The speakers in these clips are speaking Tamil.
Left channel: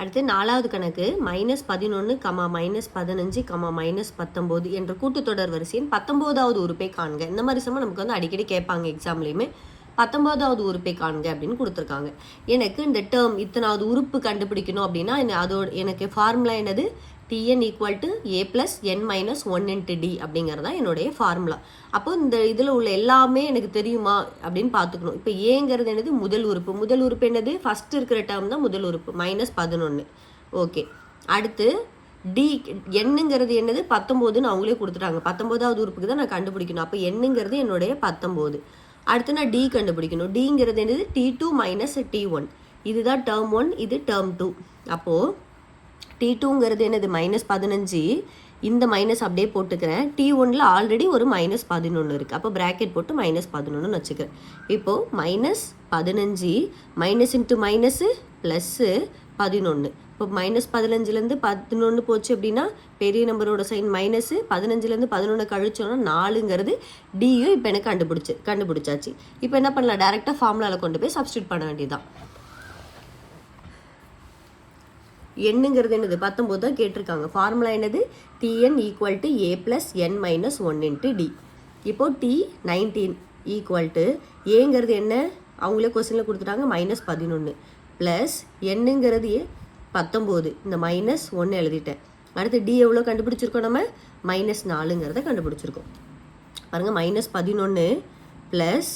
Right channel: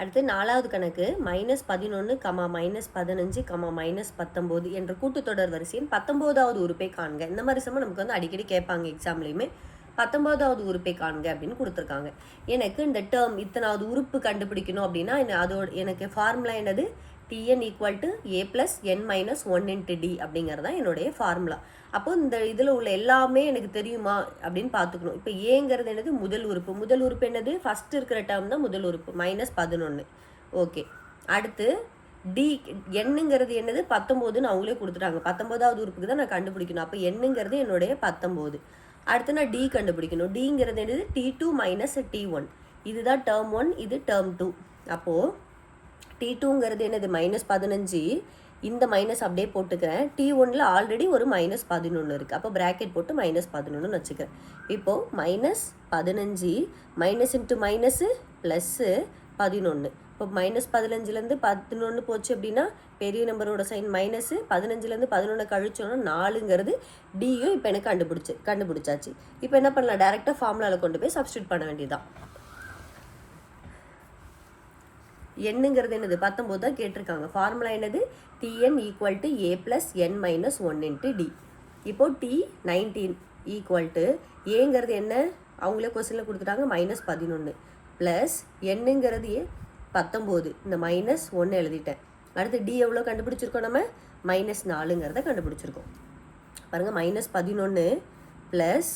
அடுத்து 4வது கணக்கு -11, -15, -19 என்ற கூட்டுத்தொடர் வரிசையின் 19வது உறுப்பை காண்க. இந்த மாதிரி சமம் நமக்கு வந்து அடிக்கடி கேட்பாங்க எக்ஸாம்லையுமே. 19வது உறுப்பை காண்க அப்படின்னு கொடுத்துருக்காங்க. எனக்கு இந்த டேர்ம் இத்தனாவது உறுப்பு கண்டுபிடிக்கணும் அப்படின்னா அதோட எனக்கு ஃபார்முலா என்னது? Tn equal to a + n - 1 × d அப்படிங்கிறது தான் என்னுடைய ஃபார்முலா. அப்போ இந்த இதில் உள்ள எல்லாமே எனக்கு தெரியுமா அப்படின்னு பார்த்துக்கணும். இப்போ ஏங்கிறது என்னது? முதல் உறுப்பு. முதல் உறுப்பு என்னது? ஃபஸ்ட் இருக்கிற டேர்ம் தான் முதல் உறுப்பு, -11. ஓகே, அடுத்து டி என்னங்கிறது என்னது? 19ன்னு அவங்களே கொடுத்துட்டாங்க. 19வது உறுப்புக்கு தான் நான் கண்டுபிடிக்கணும். அப்போ என்னங்கிறது என்னுடைய 19. அடுத்து நான் டி கண்டுபிடிக்கணும். டிங்கிறது என்னது? T2 - T1. இதுதான் டேர்ம் 1, இது டேர்ம் 2. அப்போது T2ங்கிறது என்னது? -15. இந்த மைனஸ் அப்படியே போட்டுக்கிறேன். T1ல் ஆல்ரெடி ஒரு -11 இருக்குது. அப்போ ப்ராக்கெட் போட்டு -11ன்னு வச்சுக்கிறேன். இப்போது -15 மைனஸ் இன்ட்டு மைனஸு ப்ளஸ்ஸு 11. இப்போ -15லேருந்து 11 போச்சு அப்படின்னா பெரிய நம்பரோட சைன் மைனஸு, 15லேருந்து 11 கழிச்சோன்னா 4ங்கிறது டியும் இப்போ எனக்கு கண்டுபிடிச்சாச்சு. இப்போ என்ன பண்ணலாம்? டேரெக்டாக ஃபார்முலாவில் கொண்டு போய் சப்ஸ்டியூட் பண்ண வேண்டியதுதான். என்னங்கிறது என்னது? 19 தான் கேட்டிருக்காங்க. ஃபார்முலா என்னது? Tn equal to a + n - 1 × d. இப்போ T19 ஈக்குவல் டு ஏங்கிறது என்ன? அவங்களே கொஸ்டினில் கொடுத்துட்டாங்க, -11 ப்ளஸ் என்னங்கிறது 19. இந்த -1 எழுதிட்டேன். அடுத்து டி எவ்வளோ கண்டுபிடிச்சிருக்கோம்? நம்ம -4ங்கிறத கண்டுபிடிச்சிருக்கோம். பாருங்கள், -11 ப்ளஸ்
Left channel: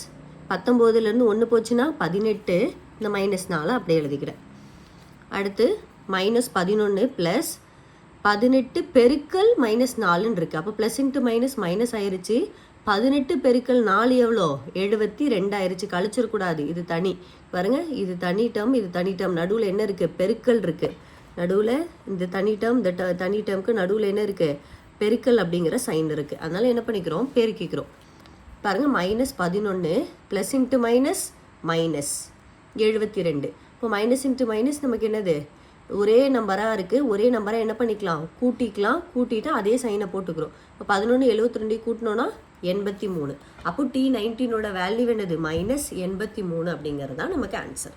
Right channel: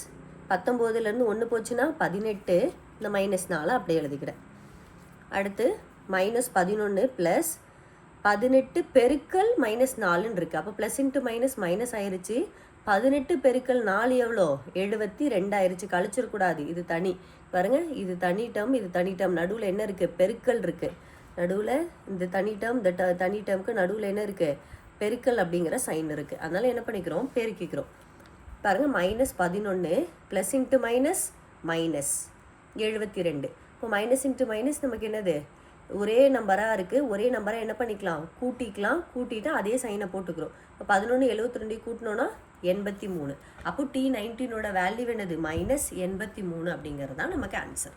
19லேருந்து 1 போச்சுன்னா 18. இந்த -4 அப்படியே எழுதிக்கிறேன். அடுத்து -11 ப்ளஸ் 18 பெருக்கல் -4ன்னு இருக்குது. அப்போ ப்ளஸ் இன்ட்டு மைனஸ் ஆயிடுச்சு. 18 பெருக்கல் 4 எவ்வளோ? 72 ஆயிடுச்சு. கழிச்சிடக்கூடாது, இது தனி. பாருங்கள், இது தனி டேர்ம், இது தனி டேர்ம். நடுவில் என்ன இருக்குது? பெருக்கல் இருக்குது. நடுவில் இந்த தனி டேர்ம், இந்த தனி டேர்முக்கு நடுவில் என்ன இருக்குது? பெருக்கல் அப்படிங்கிற சைன் இருக்குது. அதனால் என்ன பண்ணிக்கிறோம்? பெருக்கிக்கிறோம். பாருங்கள், -11 ப்ளஸ் இன்ட்டு மைனஸ் 72. இப்போ மைனஸ் இன்ட்டு மைனஸ் நமக்கு என்னது? ஒரே நம்பராக இருக்குது. ஒரே நம்பராக என்ன பண்ணிக்கலாம்? கூட்டிட்டு அதே சைனை போட்டுக்கிறோம். இப்போ 11 72 கூட்டினோன்னா 83. அப்போ T19ஓட வேல்யூ என்னது? -83 அப்படிங்கிறது தான் நமக்கு ஆன்சர்.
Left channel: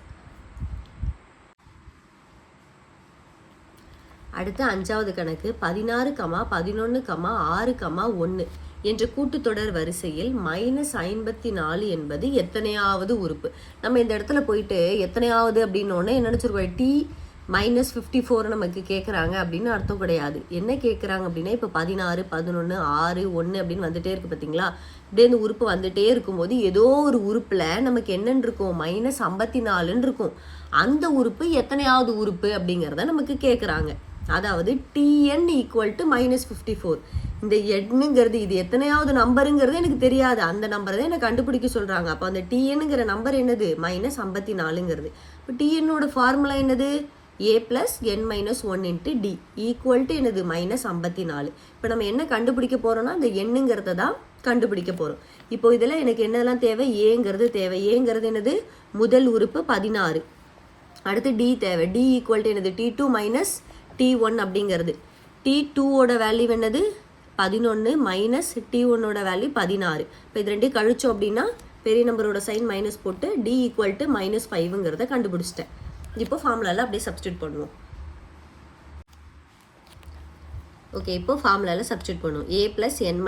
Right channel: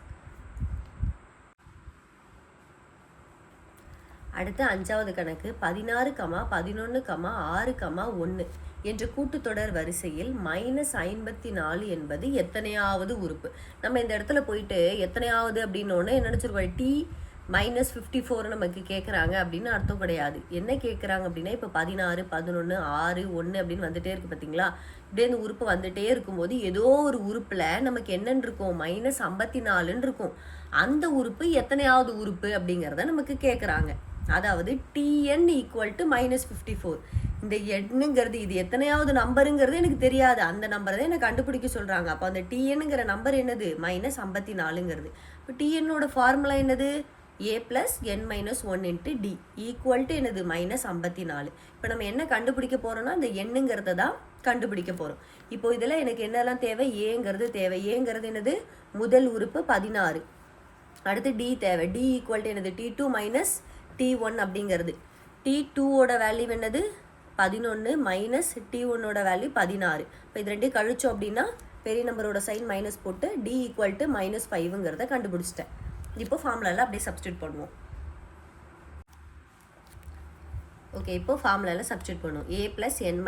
அடுத்து 5வது கணக்கு 16, 11, 6, 1 என்ற கூட்டுத்தொடர் வரிசையில் -54 என்பது எத்தனையாவது உறுப்பு? நம்ம இந்த இடத்துல போயிட்டு எத்தனையாவது அப்படின்னோடனே என்ன நினச்சிருக்கோம்? -54 நமக்கு கேட்குறாங்க அப்படின்னு அர்த்தம் கிடையாது. என்ன கேட்குறாங்க அப்படின்னா, இப்போ 16, 11, 6, 1 அப்படின்னு வந்துட்டே இருக்குது பார்த்தீங்களா? இப்படியே இந்த உறுப்பு வந்துட்டே இருக்கும்போது ஏதோ ஒரு உறுப்பில் நமக்கு என்னன்னு இருக்கும்? -54ன்னு இருக்கும். அந்த உறுப்பு எத்தனையாவது உறுப்பு அப்படிங்கிறத நமக்கு கேட்குறாங்க. அதாவது Tn ஈக்குவல் டு -54. இந்த எண்ணுங்கிறது இது எத்தனையாவது நம்பருங்கிறது எனக்கு தெரியாது. அந்த நம்பரை தான் எனக்கு கண்டுபிடிக்க சொல்கிறாங்க. அப்போ அந்த Tnங்கிற நம்பர் என்னது? -54ங்கிறது. இப்போ Tnோட ஃபார்முலா என்னது? a + n - 1 × d equal to என்னது? -54. இப்போ நம்ம என்ன கண்டுபிடிக்க போகிறோம்னா அந்த எண்ணுங்கிறத தான் கண்டுபிடிக்க போகிறோம். இப்போ இதில் எனக்கு என்னெல்லாம் தேவை? ஏங்கிறது தேவை. ஏங்கிறது என்னது? முதல் உறுப்பு 16. அடுத்து டி தேவை. டி ஈக்குவல் டு என்னது? T2 - T1 அப்படிங்கிறது. T2ஓட வேல்யூ என்னது? 11 மைனஸ் T1ஓட வேல்யூ 16. இப்போ இது ரெண்டையும் கழிச்சோம் அப்படின்னா பெரிய நம்பரோட சைன் மைனஸ் போட்டு டி ஈக்குவல் டு -5ங்கிறத கண்டுபிடிச்சிட்டேன். இப்போ ஃபார்முலாவில் அப்படியே சப்ஸ்டியூட் பண்ணுவோம். ஓகே, இப்போ ஃபார்முலாவில் சப்ஸ்டியூட் பண்ணுவோம். a + n -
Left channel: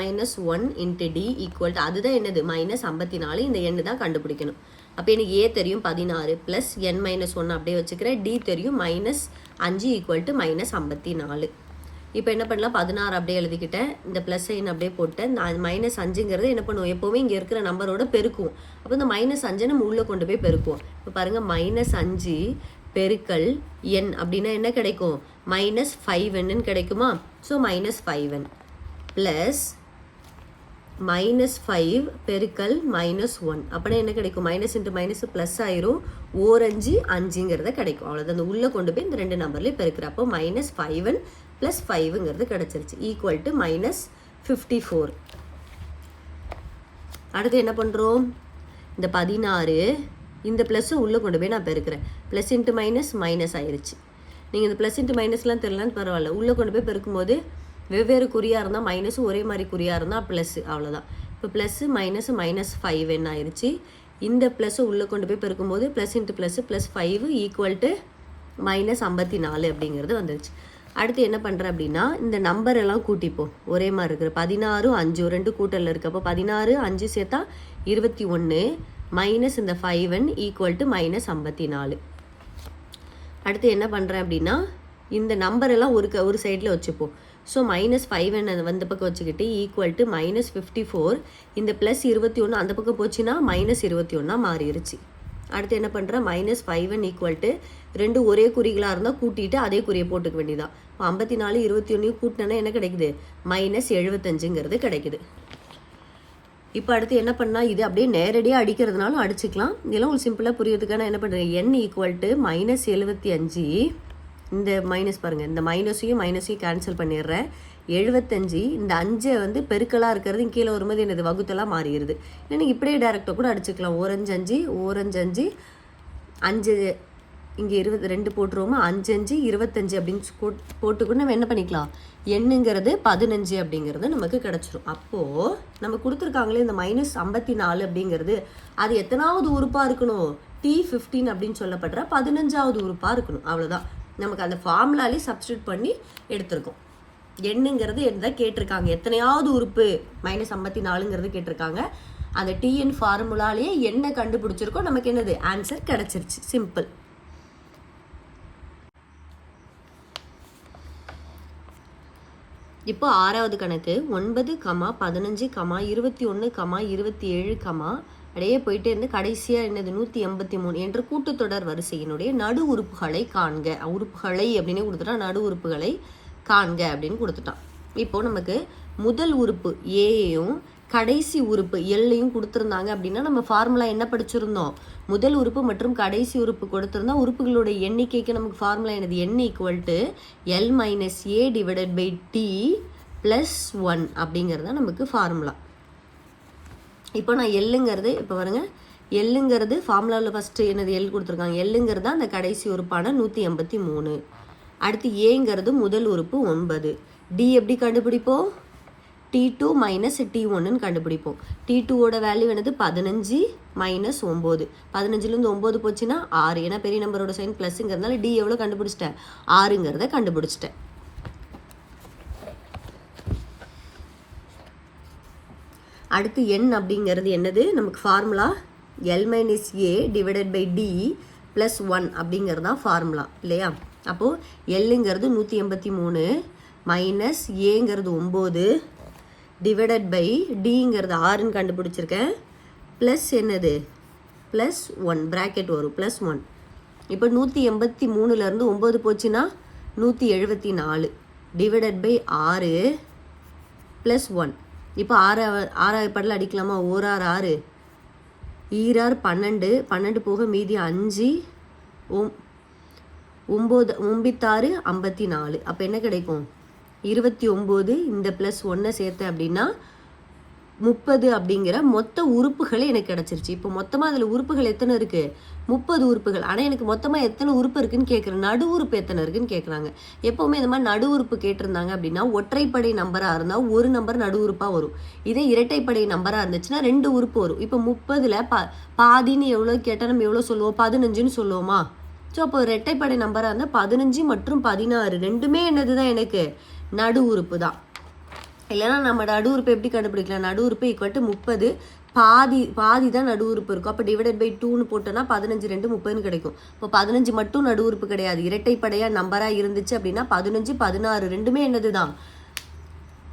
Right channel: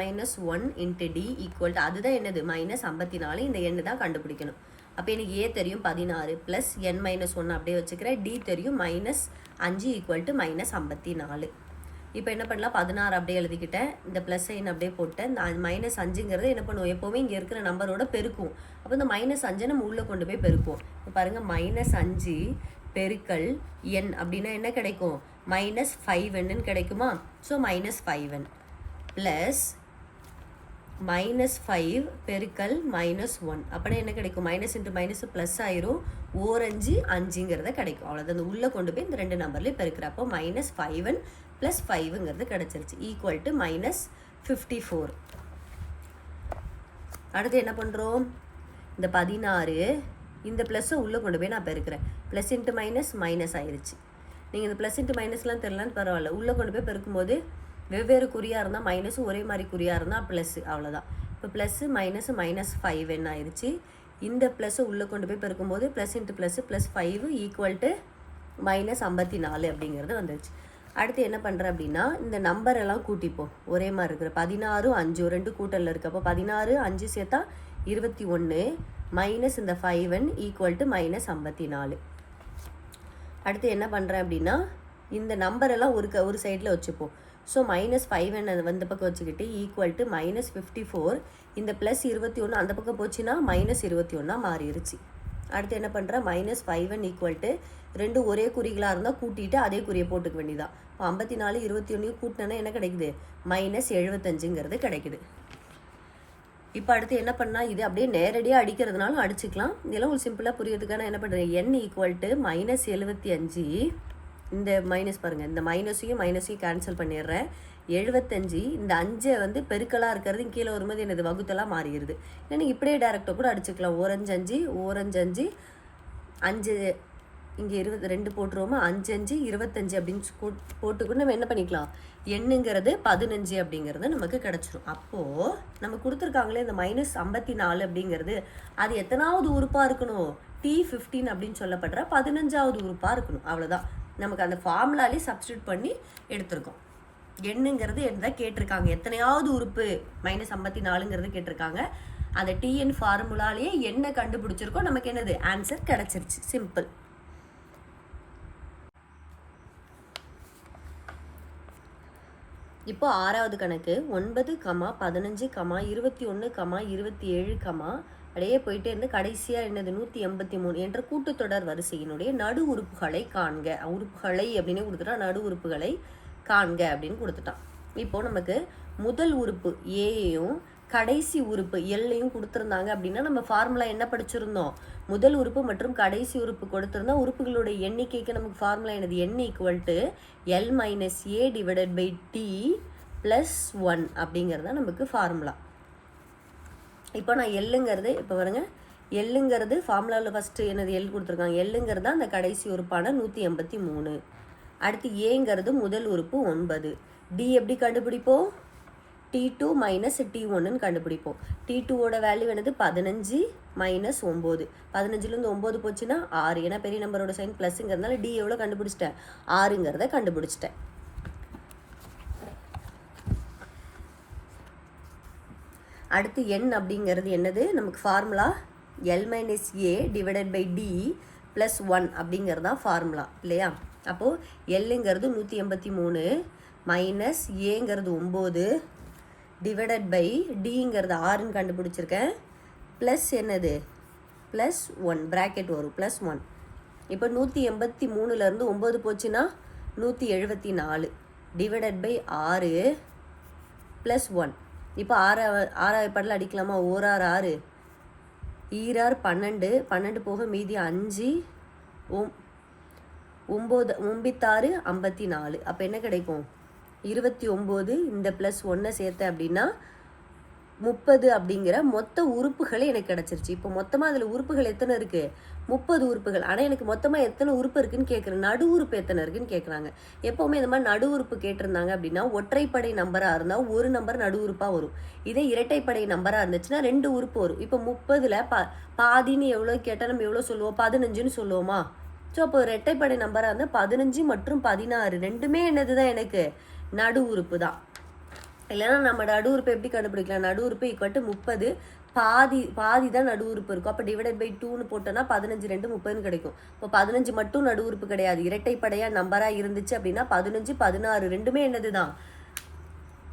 1 × d equal to அதுதான் என்னது? -54. இந்த எண்ணு தான் கண்டுபிடிக்கணும். அப்போ எனக்கு a தெரியும் 16 ப்ளஸ் n - 1 அப்படியே வச்சுக்கிறேன். d தெரியும் -5 ஈக்குவல் டு -54. இப்போ என்ன பண்ணலாம்? 16 அப்படியே எழுதிக்கிட்டேன். இந்த ப்ளஸ் சைன் அப்படியே போட்டேன். நான் -5ங்கிறது என்ன பண்ணுவோம்? எப்போவுமே இங்கே இருக்கிற நம்பரோட பெருக்குவோம். அப்போ இந்த -5 நம்ம உள்ளே கொண்டு போய் பெருக்குவோம். இப்போ பாருங்கள், -5 பெருக்கல் n அப்படின்னா என்ன கிடைக்கும்? -5n கிடைக்குமா? ஸோ -5n ப்ளஸ் -5 பெருக்கல் -1 அப்படின்னா என்ன கிடைக்கும்? மைனஸ் இன்ட்டு மைனஸ் ப்ளஸ் ஆயிரும். 4 5ங்கிறத கிடைக்கும். அவ்வளோதான். அந்த உள்ளே கொண்டு போய் இந்த ரெண்டு நம்பர்லேயும் பெருக்கிறப்போ -5n + 5ங்கிறது கிடச்சிருச்சு. Equal to -54. அடுத்து என்ன பண்ணுறோம்? இந்த 16 இந்த ப்ளஸ்ஸு உள்ளே கொண்டு போய் நான் பெருக்கிறேன். ப்ளஸ் இன்ட்டு மைனஸ் ஆயிடுச்சு. நீங்கள் இந்த ப்ளஸ் இன்ட்டு மைனஸ்லாம் தெரியலன்னு பரவாயில்ல. உள்ளே கொண்டு போய் பெருக்கும்போது வெவ்வேறு குறியாக இருந்தால் மைனஸும் ஒரே மாதிரி குறியாக இருந்தால் ப்ளஸ்ஸு, அவ்வளோதான். இப்போ ப்ளஸ்ஸு -5n ஆயிடுச்சு. இந்த ப்ளஸ்ஸு உள்ளே கொண்டு போய் பெருக்கும்போது plus into plus +5 equal to -54 அப்படிங்கிறது வந்துருச்சு. அடுத்து என்ன பண்ணுறேன் அப்படின்னா, இந்த நம்பர் எல்லாம் கூட்டிப்போம். ஒரே மாதிரி இருக்குது. 16 5 2 கூட்டலில் இருக்குது. அப்போ 16 5 சேர்த்தா 21 மைனஸ் இந்த 5n ஈக்குவல் டு -54. அடுத்து என்ன பண்ணுறேன் அப்படின்னா, இந்த நம்பர் எல்லாம் ஒரு சைடில் வச்சுப்போம். ஸோ -5n அதை வந்து பக்கம் வச்சுக்கிட்டு ஈக்குவல் டு -54. இந்த +21 அந்த பக்கம் போச்சுன்னா -21 மாறிடுச்சு. அடுத்து என்ன பண்ணுறேன், -5n ஈக்குவல் டு ரெண்டு ஒரே குறிகளாக இருந்தால் கூட்டிட்டு அதே குறியை போட்டுக்க வேண்டியதான். 54 21 கூட்டினா என்ன கிடைக்குது, -75ங்கிறது கிடைக்குது. இப்போ அடுத்து என்ன பண்ணால், இது அப்படியே நேரடியாக அடிக்கிறதுனாலும் அடிச்சுக்கலாம். இதெல்லாம் ஒரு சிம்பிளாக புரியறதுக்கான என்ன பண்ணுறேன், n ஈக்குவல் டு -75. இந்த மைனஸ் பாருங்கள், இந்த மைனஸையும் கேன்சல் பண்ணிடுறேன். 75 இந்த 5 வந்து பெருக்கலாக இருக்கிறது கீழே வரும்போது என்னது வகுத்தெல்லாம் மாறிடுது. இல்லைன்னா இப்படியே டேரெக்டாக கூட அடிச்சுக்கலாம். 1 5 5 5 இங்கே 22 போட்டுருவோமா, 5 5 25 அப்படின்னு போட்டுக்கூட நம்ம என்ன பண்ணிக்கலாம், எண்ணுங்கிறது 15 அப்படிங்கிறது நமக்கு கிடச்சிரும். அப்போது நம்ம கொடுத்துருக்காங்களே இந்த -54 அப்படிங்கிறது அது எத்தனாவது உறுப்பாக இருக்கணும், T15 அப்படின்னு சொல்லப்படுற 15வது உறுப்பாக இருக்கணும். அவ்வளோதான், நமக்கு அந்த ஃபார்முலாலே சப்ஸ்டியூட் பண்ணி எடுத்திருக்கோம். எண்ணுங்கிறது என்னதான் கேட்டிருக்காங்க, எத்தனையாவது உறுப்பு -54ங்கிறது கேட்டிருக்காங்க. அந்த டிஎன் ஃபார்முலாலேயே என்ன கண்டுபிடிச்சிருக்கோம், நமக்கு என்னது ஆன்சர் கிடைச்சிருச்சு. சிம்பிள். இப்போ 6வது கணக்கு 9, 15, 21, 27, அப்படியே போயிட்டே இருந்து கடைசியாக என்னது 183 என்ற கூட்டுத்தொடர் வரிசையினுடைய நடு உறுப்புகளை காண்க. உறுப்புகளை அப்படின்னு கொடுத்துட்டா நடு உறுப்புகளை காண்க அப்படின்னு கொடுத்துட்டான். இப்போ நமக்கு முதல் உறுப்பு ஏயும் கடைசி உறுப்பு எல்லையும் கொடுத்துருந்தாங்க அப்படின்னா நம்ம ஃபார்முலா என்ன படிச்சிருந்தோம், முதல் உறுப்பு மற்றும் கடைசி உறுப்பு கொடுத்துருந்தா உறுப்புகளோட எண்ணிக்கைக்கு நமக்கு ஃபார்முலா என்னது, n equal to L minus A divided by D plus 1 அப்படிங்கிறது தான் நமக்கு ஃபார்முலா. இப்போ நான் எல்லுங்கிறது இப்போ பாருங்க, எல்லுங்கிறது ஃபார்முலாவில் ஃபஸ்ட்டு என்னது எல் கொடுத்துருக்காங்க. எல்லுங்கிறது அந்த கடைசி உறுப்பான 183. அடுத்து ஏங்கிறது முதல் உறுப்பு 9. டி எப்படி கண்டுபிடிப்போம், T2 மைனஸ் T1ன்னு கண்டுபிடிப்போம். T2ஓட வேல்யூ என்னது 15 மைனஸ் 9. 15லேருந்து 9 போச்சுன்னா 6. ஏன்னா பெரிய நம்பரோட சைன் ப்ளஸ்ங்கிறதுனால டி எவ்வளோ கண்டுபிடிச்சிட்டேன், 6ங்கிறத கண்டுபிடிச்சிட்டேன். அடுத்து n அப்படிங்கிறது என்னது, நமக்கு formula L minus A divided by D plus 1 அப்படிங்கிறது தான் ஃபார்முலா இல்லையா. அப்போது எல்லுங்கிறது 183 மைனஸ் ஏங்கிறது 9 டிவைடட் பை டிங்கிறது 6ன்னு கண்டுபிடிச்சிருக்கேன், ப்ளஸ் என்னது ப்ளஸ் 1 ப்ராக்கெட் வரும் ப்ளஸ் 1. இப்போ 183லேருந்து 9 போச்சுன்னா 174 டிவைடட் பை 6 ப்ளஸ் 1. இப்போ 6 படல அடிக்கலாமா, 1 6 6 ஈரார் 12 12 போக மீதி 5 9 9 54. அப்போ என்ன கிடைக்கும் 29. இந்த ப்ளஸ் 1 சேர்த்த அப்படின்னா 30 அப்படிங்கிற மொத்த உறுப்புகள் எனக்கு கிடச்சிருச்சு. இப்போ மொத்தமாக அதில் உறுப்புகள் எத்தனை இருக்குது, 30 உறுப்புகள். ஆனால் எனக்கு மொத்தமாக எத்தனை உறுப்பு இருக்குன்னு கேட்குறேன், நடு உறுப்பு எத்தனை இருக்குன்னு கேட்குறாங்க. எப்போவுமே இந்த மாதிரி நடு உறுப்பு கேட்டிருந்தாங்க அப்படின்னா ஒற்றைப்படை நம்பராக இருந்தால் ஒரு நம்பர் நடு உறுப்பாக வரும். இதே இரட்டைப்படை நம்பராக இருந்துச்சுன்னா 2 உறுப்பு வரும். இப்போ 30ல் பாதின்னு எவ்வளோ கேட்டால் நம்ம எவ்வளோ சொல்லுவோம், 15ன்னு சொல்லுவோமா. ஸோ அப்போ இரட்டைப்படை நம்பராக இருந்தால் 15 மற்றும் 16 ரெண்டுமே என்னது தான் எனக்கு நடு உறுப்பு தான். இல்லைன்னா நம்ம நடு உறுப்பு எப்படி கண்டுபிடிக்கலாம், நடு உறுப்பு ஈக்குவல் டு 30 பாதி தான் நடு உறுப்பு இருக்கும். அப்போ டிவைடட் பை 2ன்னு போட்டோன்னா 15 2 30ன்னு கிடைக்கும். இப்போ 15 மட்டும் நடு உறுப்பு கிடையாது, இரட்டைப்படையாக நம்பராக இருந்துச்சு அப்படின்னா 15 16 ரெண்டுமே என்னது தான்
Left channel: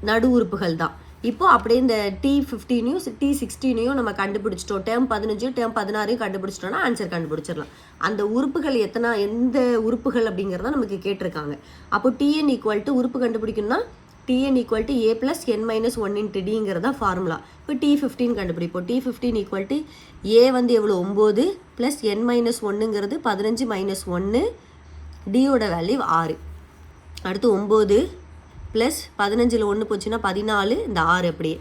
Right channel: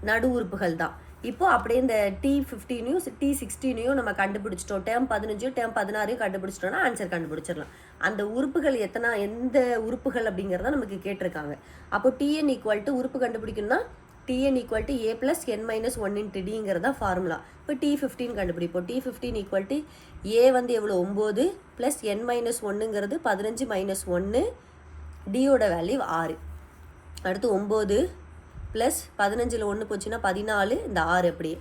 நடு உறுப்புகள் தான். இப்போ அப்படியே இந்த T15யும் T16யும் நம்ம கண்டுபிடிச்சிட்டோம், டேர்ம் 15 டேர்ம் 16 கண்டுபிடிச்சிட்டோம்னா ஆன்சர் கண்டுபிடிச்சிடலாம். அந்த உறுப்புகள் எந்த உறுப்புகள் அப்படிங்கிறத நமக்கு கேட்டிருக்காங்க. அப்போ TN ஈக்குவல் டு உறுப்பு கண்டுபிடிக்கணும்னா Tn equal to A plus N minus 1 into டிங்கிறது தான் ஃபார்முலா. இப்போ T15 கண்டுபிடிப்போம். T15 ஈக்குவல் டு ஏ வந்து எவ்வளோ 9 ப்ளஸ் என் மைனஸ் 1ங்கிறது 15 மைனஸ் 1, டியோட வேல்யூ 6. அடுத்து 9 ப்ளஸ் 15ல் 1 போச்சுன்னா 14, இந்த 6 அப்படியே.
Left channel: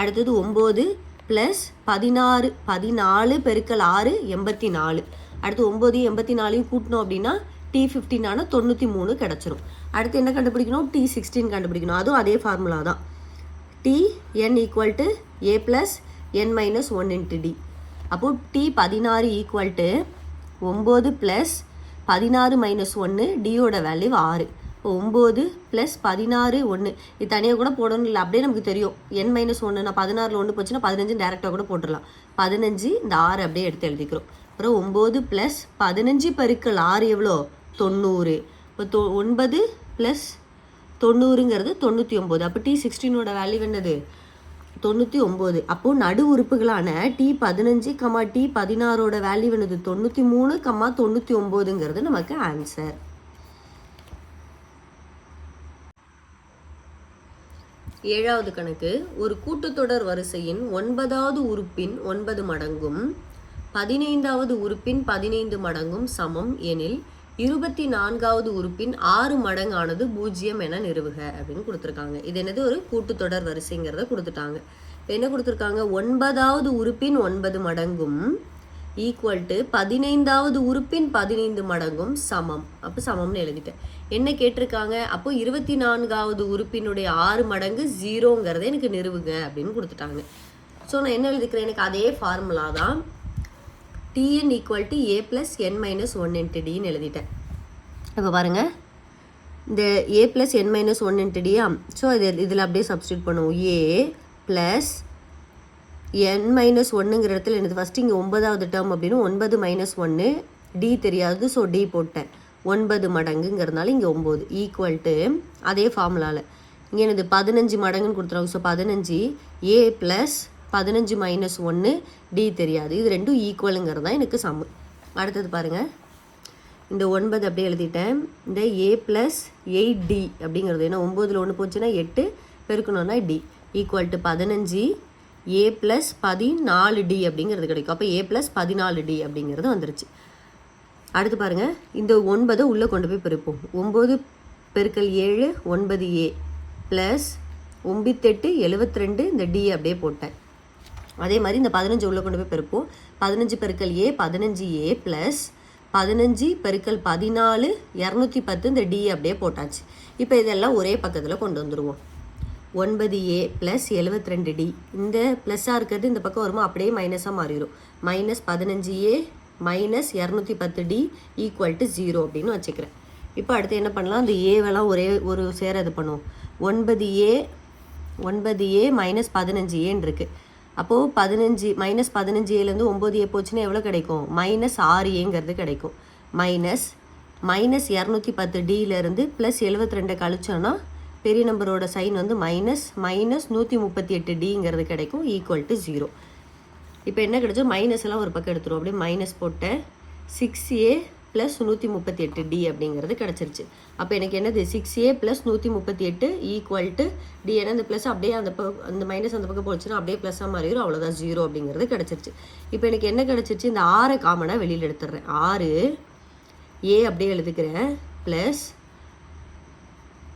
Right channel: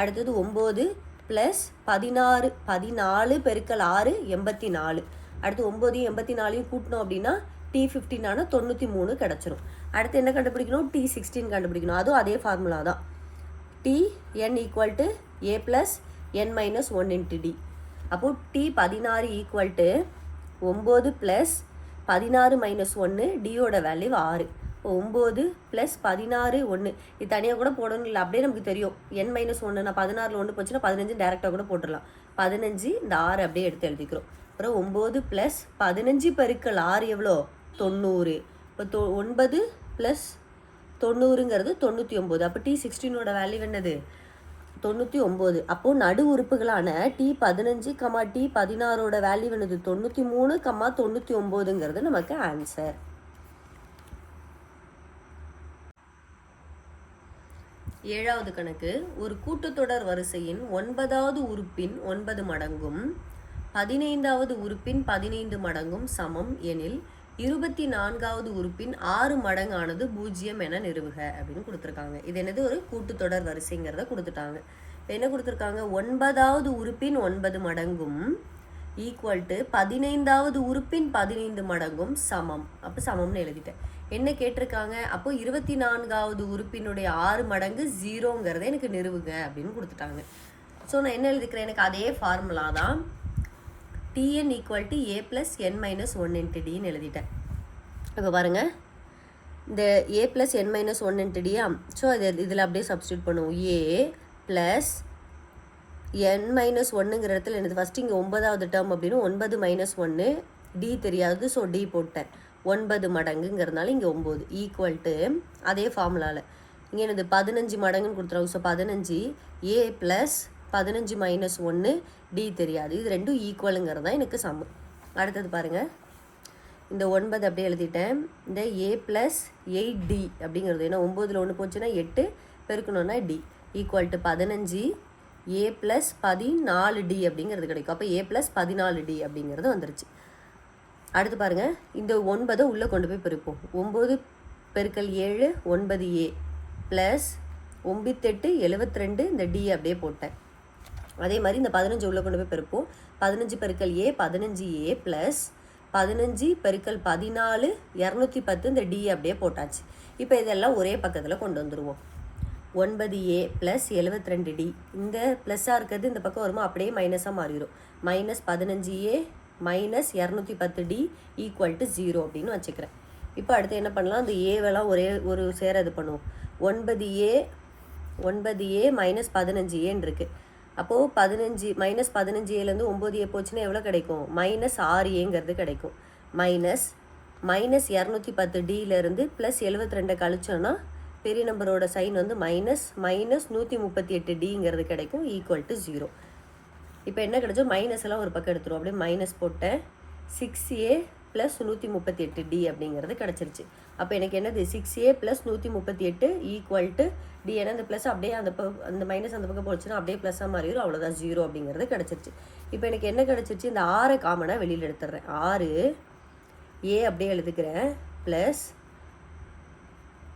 அடுத்தது 9 ப்ளஸ் 14 பெருக்கல் 6 84. அடுத்து 9 84 கூட்டணும் அப்படின்னா T15 ஆனால் 93 கிடச்சிரும். அடுத்து என்ன கண்டுபிடிக்கணும், T16 கண்டுபிடிக்கணும். அதுவும் அதே ஃபார்முலா தான், Tn equal to A plus N minus 1 into D. அப்போது T16 equal to 9 plus 16 minus 1 டியோட வேல்யூ 6. இப்போ 9 ப்ளஸ் 16 1 இது தனியாக கூட போடணும் இல்லை, அப்படியே நமக்கு தெரியும். n மைனஸ் 1 நான் 16 1 போச்சுன்னா 15 டேரெக்டாக கூட போட்டுடலாம். 15 இந்த 6 அப்படியே எடுத்து எழுதிக்கிறோம். அப்புறம் 9 ப்ளஸ் 15 பெருக்கல் 6 எவ்வளோ 90. இப்போ 9 ப்ளஸ் 90ங்கிறது 99. அப்போ T16ஓட வேல்யூ என்னது 99. அப்போது நடு உறுப்புகளான T15, T16ஓட வேல்யூ என்னது 93, 99ங்கிறது நமக்கு ஆன்சர். ஏழாவது கணக்கு. ஒரு கூட்டுத்தொடர் வரிசையின் 9வது உறுப்பின் 9 மடங்கும் 15வது உறுப்பின் 15 மடங்கும் சமம் எனில் 24வது உறுப்பின் 6 மடங்கானது 0 என நிறுவுக அப்படின்னு கொடுத்துருக்காங்க. இது என்னது ஒரு கூட்டுத்தொடர் வரிசைங்கிறத கொடுத்துட்டாங்க. இப்போ என்ன கொடுத்துருக்காங்க, 9வது உறுப்பின் 9 மடங்கும் ஈக்குவல் டு 15வது உறுப்பின் 15 மடங்கும் சமம். அப்போ சமம்னு எழுதிட்டேன். என்ன கேட்டிருக்காங்க, அப்போ 24வது உறுப்பினுடைய 6 மடங்கு 0ங்கிறத எனக்கு நிறுவுங்க அப்படின்னு கொடுத்துட்டாங்க. ஸோ நான் என்ன எழுதிக்கிறேன், எனக்கு அதே ஃபார்முலா தான் Tn equal to a plus n minus 1 into டின்னு எழுதிட்டேன். இப்போ பாருங்கள், இந்த a plus n minus 1 into டியா, ஸோ இதில் அப்படியே சப்ஸ்டியூட் பண்ணுவோம். a ப்ளஸ் n மைனஸ் 1ங்கிற இடத்துல எனக்கு ஃபஸ்ட்டு இங்கே 9வது டேர்ம் அப்படின்னு 9 மைனஸ் 1 டி தெரியாது, ஸோ டி போட்டேன். 9 மடங்குங்கிறதுனால இங்கே 9 ஈக்குவல் டு அதே ஃபார்முலாவில் இங்கே எனக்கு 15 மடங்குன்னு கொடுத்துருவாங்க. So 15 a plus 15 minus 1 D தெரியாது, இது ரெண்டும் ஈக்குவலுங்கிறது தான் எனக்கு சமம். அடுத்தது பாருங்கள், இந்த 9 அப்படியே எழுதிட்டேன். இந்த a ப்ளஸ் 8d அப்படிங்கிறது ஏன்னா 9ல் 1 போச்சுன்னா 8 பெருக்கணும்னா D equal to 15 a plus 14d அப்படிங்கிறது கிடைக்கும். அப்போ a ப்ளஸ் 14d அப்படிங்கிறது வந்துருச்சு. அடுத்து பாருங்கள், இந்த 9 உள்ளே கொண்டு போய் பெருப்போம். 9 பெருக்கல் 7 9a ப்ளஸ் 98 72 இந்த டி அப்படியே போட்டேன். அதே மாதிரி இந்த 15 உள்ளே கொண்டு போய் பெருப்போம். 15 பெருக்கல் a 15a ப்ளஸ் 15 பெருக்கல் 14 210 இந்த டி அப்படியே போட்டாச்சு. இப்போ இதெல்லாம் ஒரே பக்கத்தில் கொண்டு வந்துடுவோம். 9a ப்ளஸ் 72d இந்த ப்ளஸ்ஸாக இருக்கிறது இந்த பக்கம் வருமா, அப்படியே மைனஸாக மாறிடும். Minus 15a minus 210d equal to 0 அப்படின்னு வச்சுக்கிறேன். இப்போ அடுத்து என்ன பண்ணலாம், அந்த ஏவெல்லாம் ஒரு சேர இது பண்ணுவோம். 9a மைனஸ் 15aன்னு இருக்குது. அப்போது 15 மைனஸ் 15aலேருந்து 9a போச்சுன்னா எவ்வளோ கிடைக்கும், மைனஸ் 6aங்கிறது கிடைக்கும். மைனஸ் 210dலேருந்து ப்ளஸ் 72 கழிச்சோன்னா பெரிய நம்பரோட சைன் வந்து மைனஸ் 138dங்கிறது கிடைக்கும் ஈக்குவல் டு 0. இப்போ என்ன கிடைச்சோ, மைனஸ் எல்லாம் ஒரு பக்கம் எடுத்துரும். அப்படியே மைனஸ் போட்டேன். 6a ப்ளஸ் 138d அப்படிங்கிறது கிடச்சிருச்சு. அப்போ எனக்கு என்னது 6a plus 138 equal to D. ஏன்னா இந்த ப்ளஸ் அப்படியே அந்த மைனஸ் அந்த பக்கம் போச்சுன்னா அப்படியே ப்ளஸ்ஸாக மாறிடும், அவ்வளோதான் 0 அப்படிங்கிறது கிடச்சிருச்சு. இப்போ எனக்கு என்ன கிடச்சிருச்சு, இந்த 6 காமனாக வெளியில் எடுத்துடுறேன். 6a அப்படியே எழுதுக்கிறேன் ப்ளஸ்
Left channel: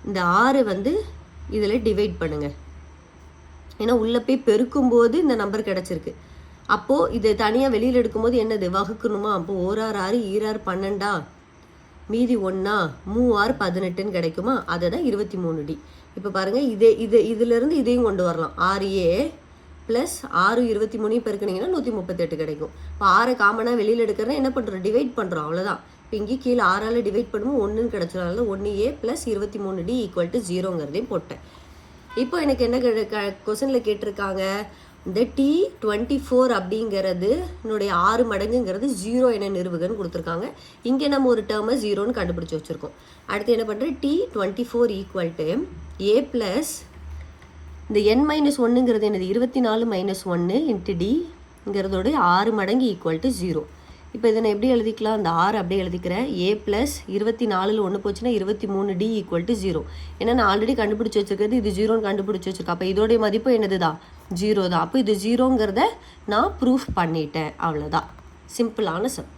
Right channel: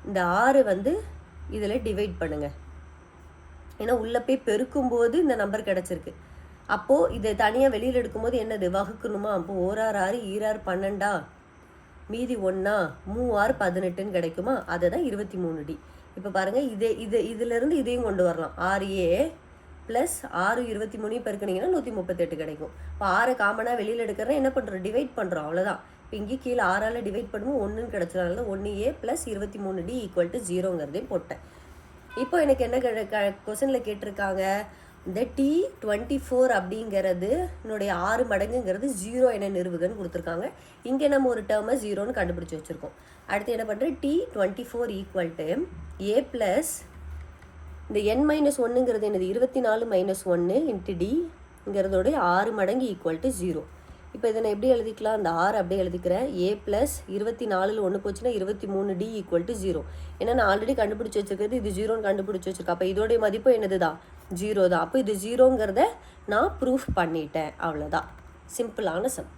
இந்த 6 வந்து இதில் டிவைட் பண்ணுங்கள். ஏன்னா உள்ளே போய் பெருக்கும்போது இந்த நம்பர் கிடச்சிருக்கு. அப்போது இதை தனியாக வெளியில் எடுக்கும்போது என்னது வகுக்கணுமா, அப்போது 1 6 6 2 12 மீதி 1 3 6 18ன்னு கிடைக்குமா, அதை தான் 23d. இப்போ பாருங்கள், இதிலேருந்து இதையும் கொண்டு வரலாம். 6a ப்ளஸ் 6 23 பெருக்கினீங்கன்னா 138 கிடைக்கும். இப்போ 6 காமனாக வெளியில் எடுக்கிறத என்ன பண்ணுறோம், டிவைட் பண்ணுறோம், அவ்வளோதான். இங்கே கீழே 6ஆல் டிவைட் பண்ணும்போது 1ன்னு கிடச்சதுனால 1a plus 23d equal to 0ங்கிறதையும் போட்டேன். இப்போ எனக்கு என்ன கொஸ்டினில் கேட்டிருக்காங்க, இந்த T24 அப்படிங்கிறது என்னுடைய 6 மடங்குங்கிறது 0 என நிறுவுகன்னு கொடுத்துருக்காங்க. இங்கே நம்ம ஒரு டேர்மை 0ன்னு கண்டுபிடிச்சி வச்சுருக்கோம். அடுத்து என்ன பண்ணுறேன், T24 equal to a plus இந்த n மைனஸ் 1ங்கிறது என்னது 24 மைனஸ் 1 இன்ட்டு டிங்கிறதோட 6 மடங்கு ஈக்குவல் டு 0. இப்போ இதை நான் எப்படி எழுதிக்கலாம், அந்த 6 அப்படியே எழுதிக்கிறேன். a ப்ளஸ் 24ல் 1 போச்சுன்னா 23d ஈக்குவல் டு 0. ஏன்னா நான் ஆல்ரெடி கண்டுபிடிச்சி வச்சுருக்கிறது இது 0ன்னு கண்டுபிடிச்சி வச்சுருக்கேன். அப்போ இதோடைய மதிப்பு என்னது தான் 0 தான். அப்போ இது 0ங்கிறத நான் ப்ரூஃப் பண்ணிட்டேன், அவ்வளோதான். சிம்பிளான சம்.